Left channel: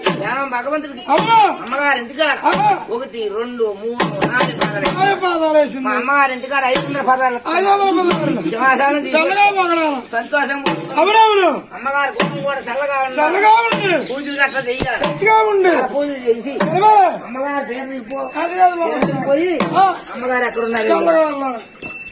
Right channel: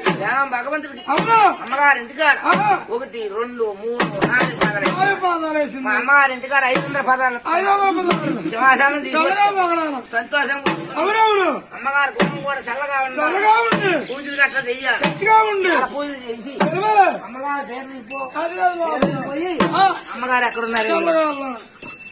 ధ్యానం భగవంతుడికి అమ్మగారి ఇంటికాడ 1 2 3 4 పాదాలు మా అమ్మగారి ఇంటికాడ 500 పాదాలు సంతోషం అమ్మగారి కుటుంబం కూడా చల్లగా ఉండాలి పూజలు గట్లా చెయ్యాలి పూజలు చేసి అమ్మగారు పోయి అమ్మగారు ఎక్కడ ఉన్నారు